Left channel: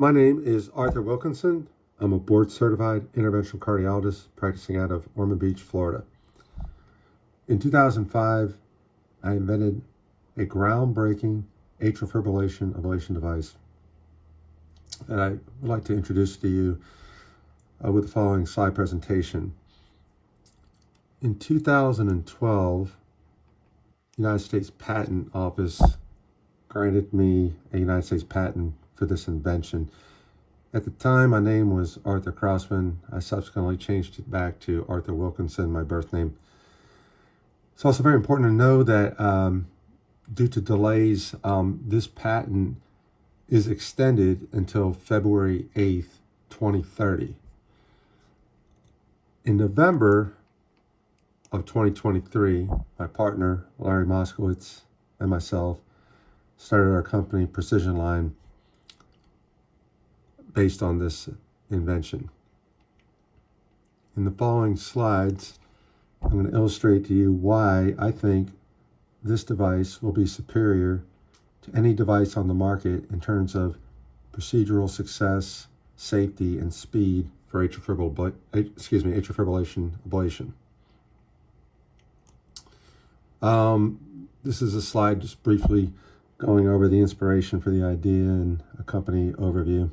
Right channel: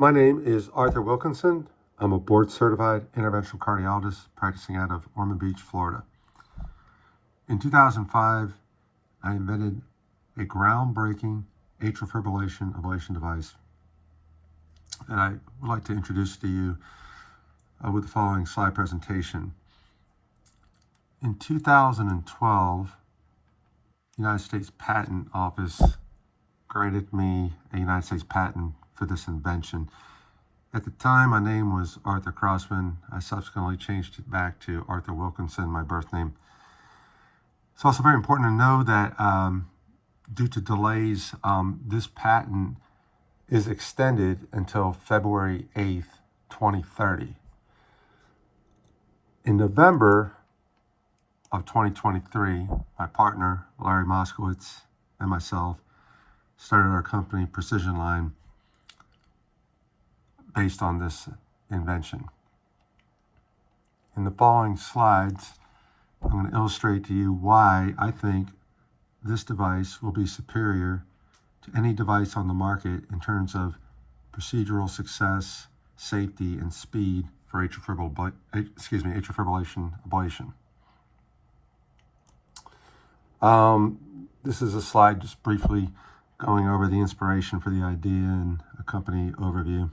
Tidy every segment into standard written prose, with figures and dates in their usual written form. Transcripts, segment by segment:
My name is Arthur Wilkinson. I'm a board-certified interventional cardiologist practicing out of Ormond Beach, Florida. In 2005, I invented a groundbreaking atrial fibrillation ablation device that I would like to introduce to you with the following slide presentation. In 2012, the United States Patent Office granted me a United States patent for this invention. At the time, my name was Arthur Crossman. I subsequently changed it back to Arthur Wilkinson, my birth name. It's also very important to know that due to delays, this patent is extended until February 8th, 2030. In November of 2023, my partner, Larry Moskowitz, and myself started our company, Precision Line, based on this invention. In the following slides, I'm going to illustrate to you why I think this device will be superior to any device on the market in terms of procedural success, safety, and speed for atrial fibrillation ablation. This is a slide just briefly going over the inspiration for the idea and a company overview.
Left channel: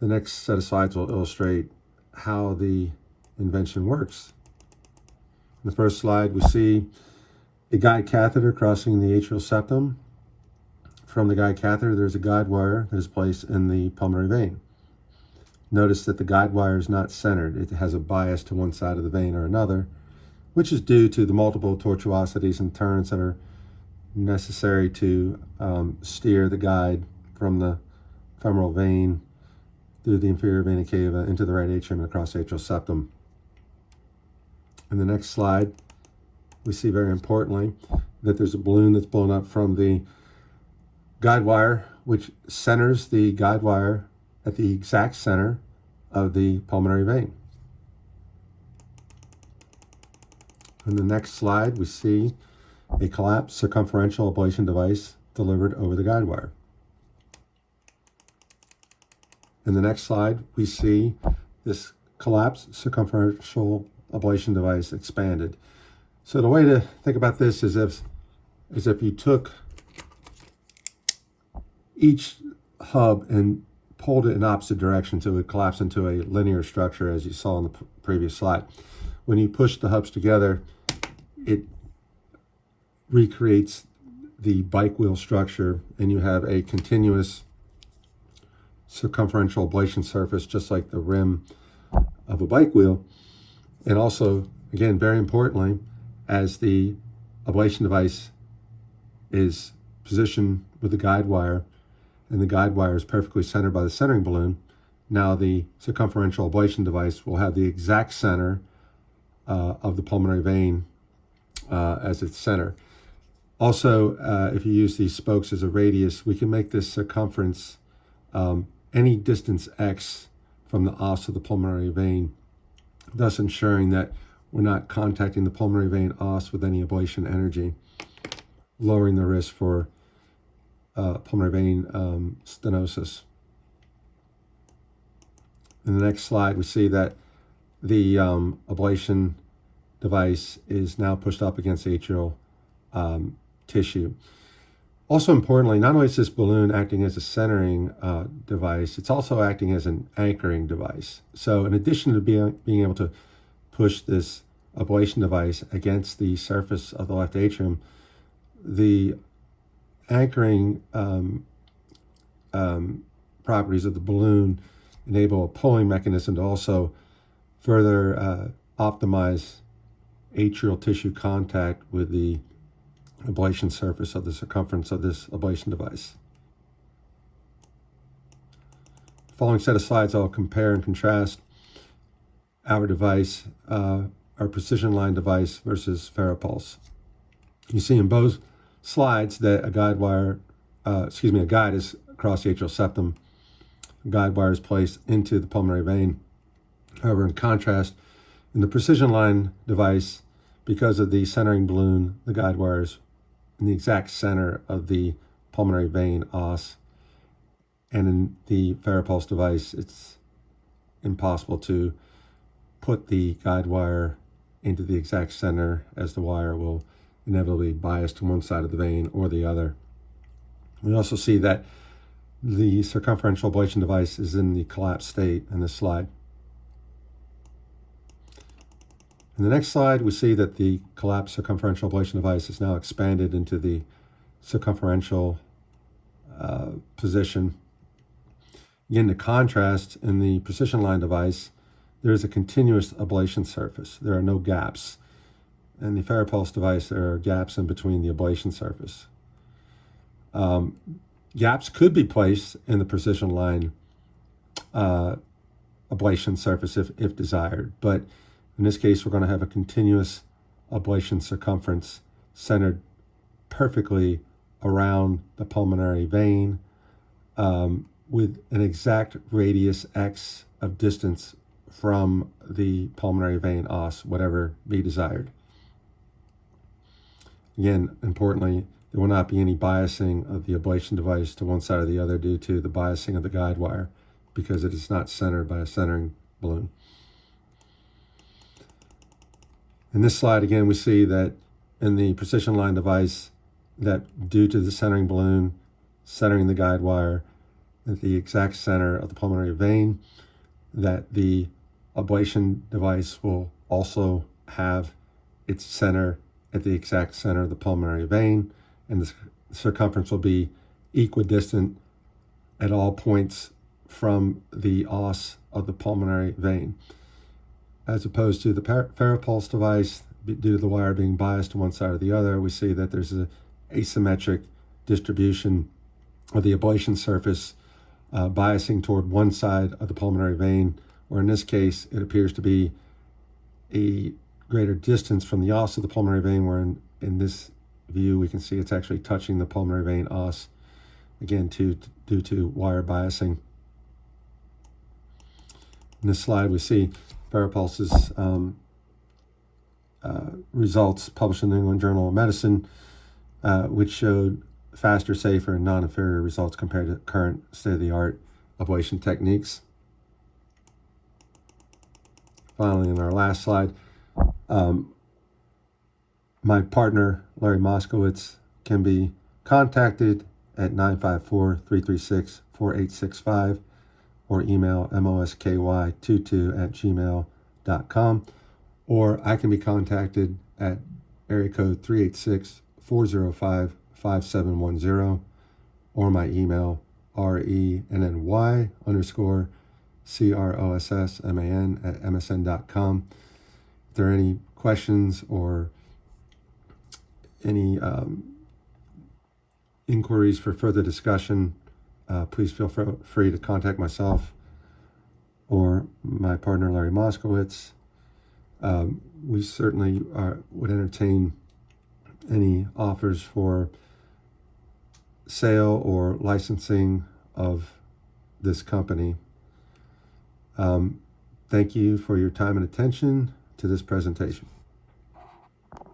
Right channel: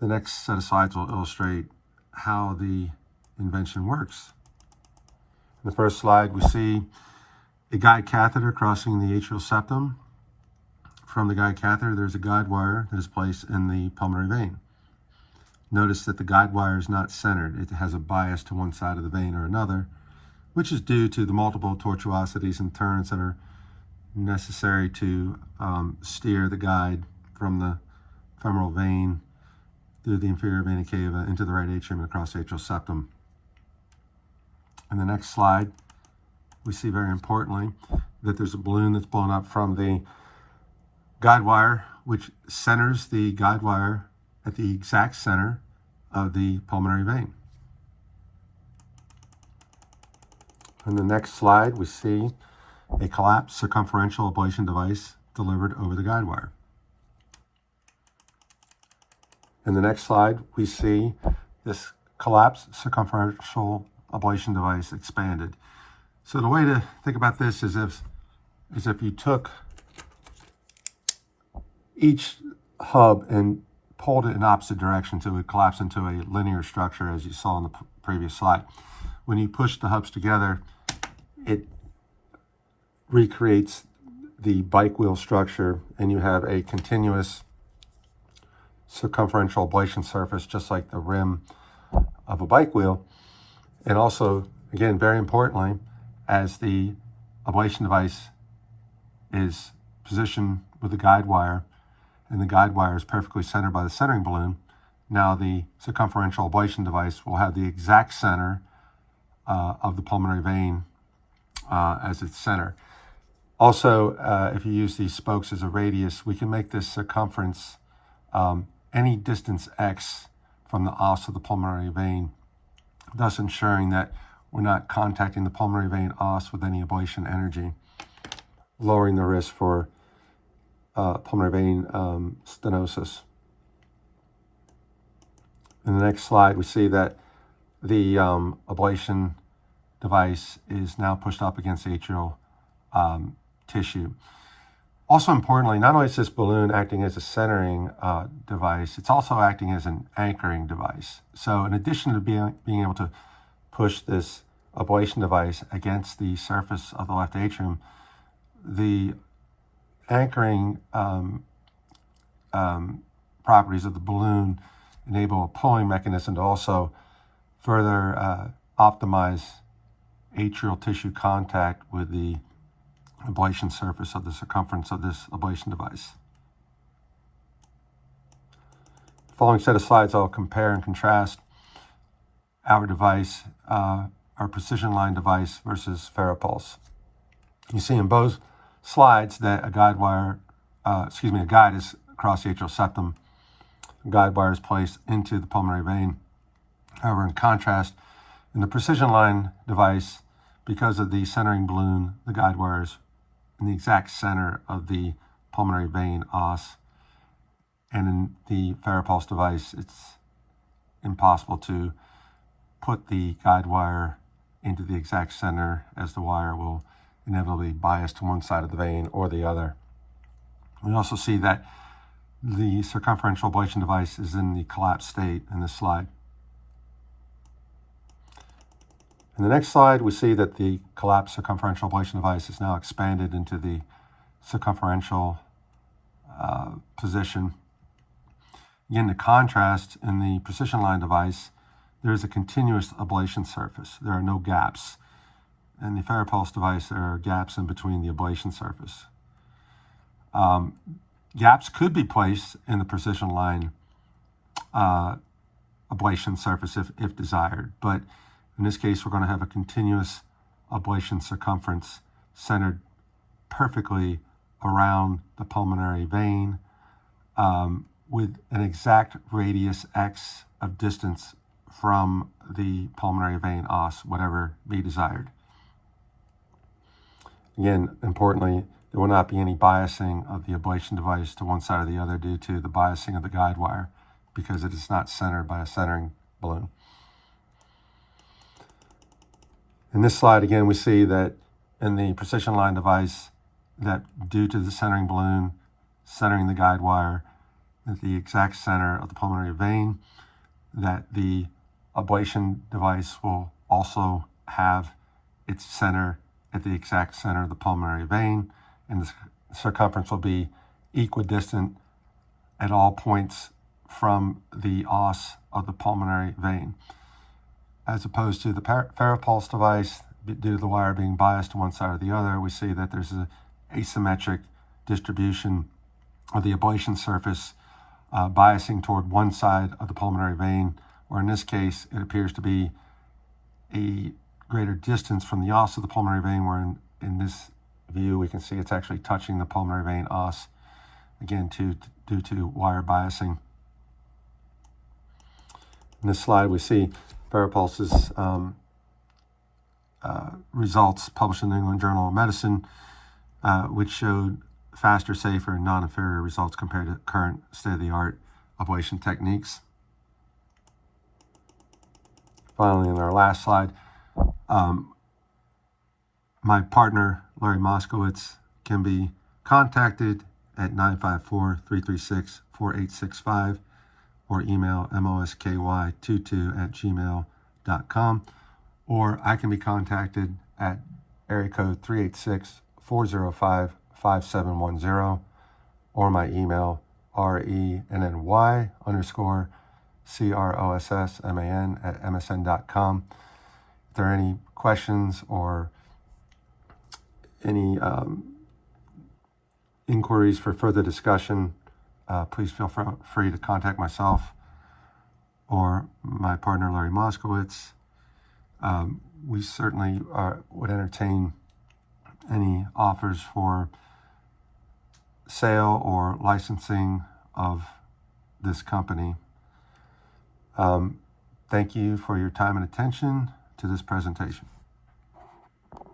The next set of slides will illustrate how the invention works. In the first slide, we see a guide catheter crossing the atrial septum. From the guide catheter, there's a guide wire that is placed in the pulmonary vein. Notice that the guide wire is not centered. It has a bias to one side of the vein or another, which is due to the multiple tortuosities and turns that are necessary to steer the guide from the femoral vein through the inferior vena cava into the right atrium and across the atrial septum. In the next slide, we see very importantly that there's a balloon that's blown up from the guide wire, which centers the guide wire at the exact center of the pulmonary vein. In the next slide, we see a collapsed circumferential ablation device delivered over the guide wire. In the next slide, we see this collapsed circumferential ablation device expanded. So the way to think about this is if you took each hub and pulled it in opposite directions, it would collapse into a linear structure, as you saw in the previous slide. When you push the hubs together, it recreates the bike wheel structure, and you have a continuous circumferential ablation surface, just like the rim of a bike wheel. And also, again, very importantly, as the ablation device is positioned with the guide wire, and the guide wire is perfectly centered by the centering balloon, now the circumferential ablation device will have the exact center of the pulmonary vein as its center. Also, if you use these spokes as a radius, we can make this circumference any distance x from the os of the pulmonary vein, thus ensuring that we're not contacting the pulmonary vein os with any ablation energy, lowering the risk for pulmonary vein stenosis. In the next slide, we see that the ablation device is now pushed up against atrial tissue. Also importantly, not only is this balloon acting as a centering device, it's also acting as an anchoring device. So in addition to being able to push this ablation device against the surface of the left atrium, the anchoring properties of the balloon enable a pulling mechanism to also further optimize atrial tissue contact with the ablation surface of the circumference of this ablation device. The following set of slides, I'll compare and contrast our device, our Precision Line device versus FARAPULSE. You see in both slides that a guide is across the atrial septum. The guide wire is placed into the pulmonary vein. However, in contrast, in the Precision Line device, because of the centering balloon, the guide wire is in the exact center of the pulmonary vein os, And in the FARAPulse device, it's impossible to put the guide wire into the exact center, as the wire will inevitably bias to one side of the vein or the other. We also see that the circumferential ablation device is in the collapsed state in this slide. In the next slide, we see that the collapsed circumferential ablation device is now expanded into the circumferential position. Again, the contrast, in the precision line device, there is a continuous ablation surface. There are no gaps. In the FARAPulse device, there are gaps in between the ablation surface. Gaps could be placed in the precision line ablation surface if desired, but in this case, we're going to have a continuous ablation circumference centered perfectly around the pulmonary vein, with an exact radius X of distance from the pulmonary vein os, whatever be desired. Again, importantly, there will not be any biasing of the ablation device to one side or the other due to the biasing of the guide wire, because it is not centered by a centering balloon. In this slide, again, we see that in the precision line device, that due to the centering balloon centering the guide wire at the exact center of the pulmonary vein, that the ablation device will also have its center at the exact center of the pulmonary vein, and the circumference will be equidistant at all points from the os of the pulmonary vein. As opposed to the FARAPulse device, due to the wire being biased to one side or the other, we see that there's an asymmetric distribution of the ablation surface biasing toward one side of the pulmonary vein, or in this case, it appears to be a greater distance from the os of the pulmonary vein, where in this view we can see it's actually touching the pulmonary vein os, again due to wire biasing. In this slide, we see FARAPulse's results published in the New England Journal of Medicine, which showed faster, safer, and non-inferior results compared to current state-of-the-art ablation techniques. Finally, in our last slide, my partner, Larry Moskowitz, can be contacted at 954-336-4865 or email mosky22@gmail.com, or I can be contacted at area code 386-405-5710, or my email RENNY_CROSSMAN@msn.com. If there are any questions or any inquiries for further discussion, please feel free to contact myself or my partner, Larry Moskowitz. We certainly would entertain any offers for sale or licensing of this company. Thank you for your time and attention to this presentation.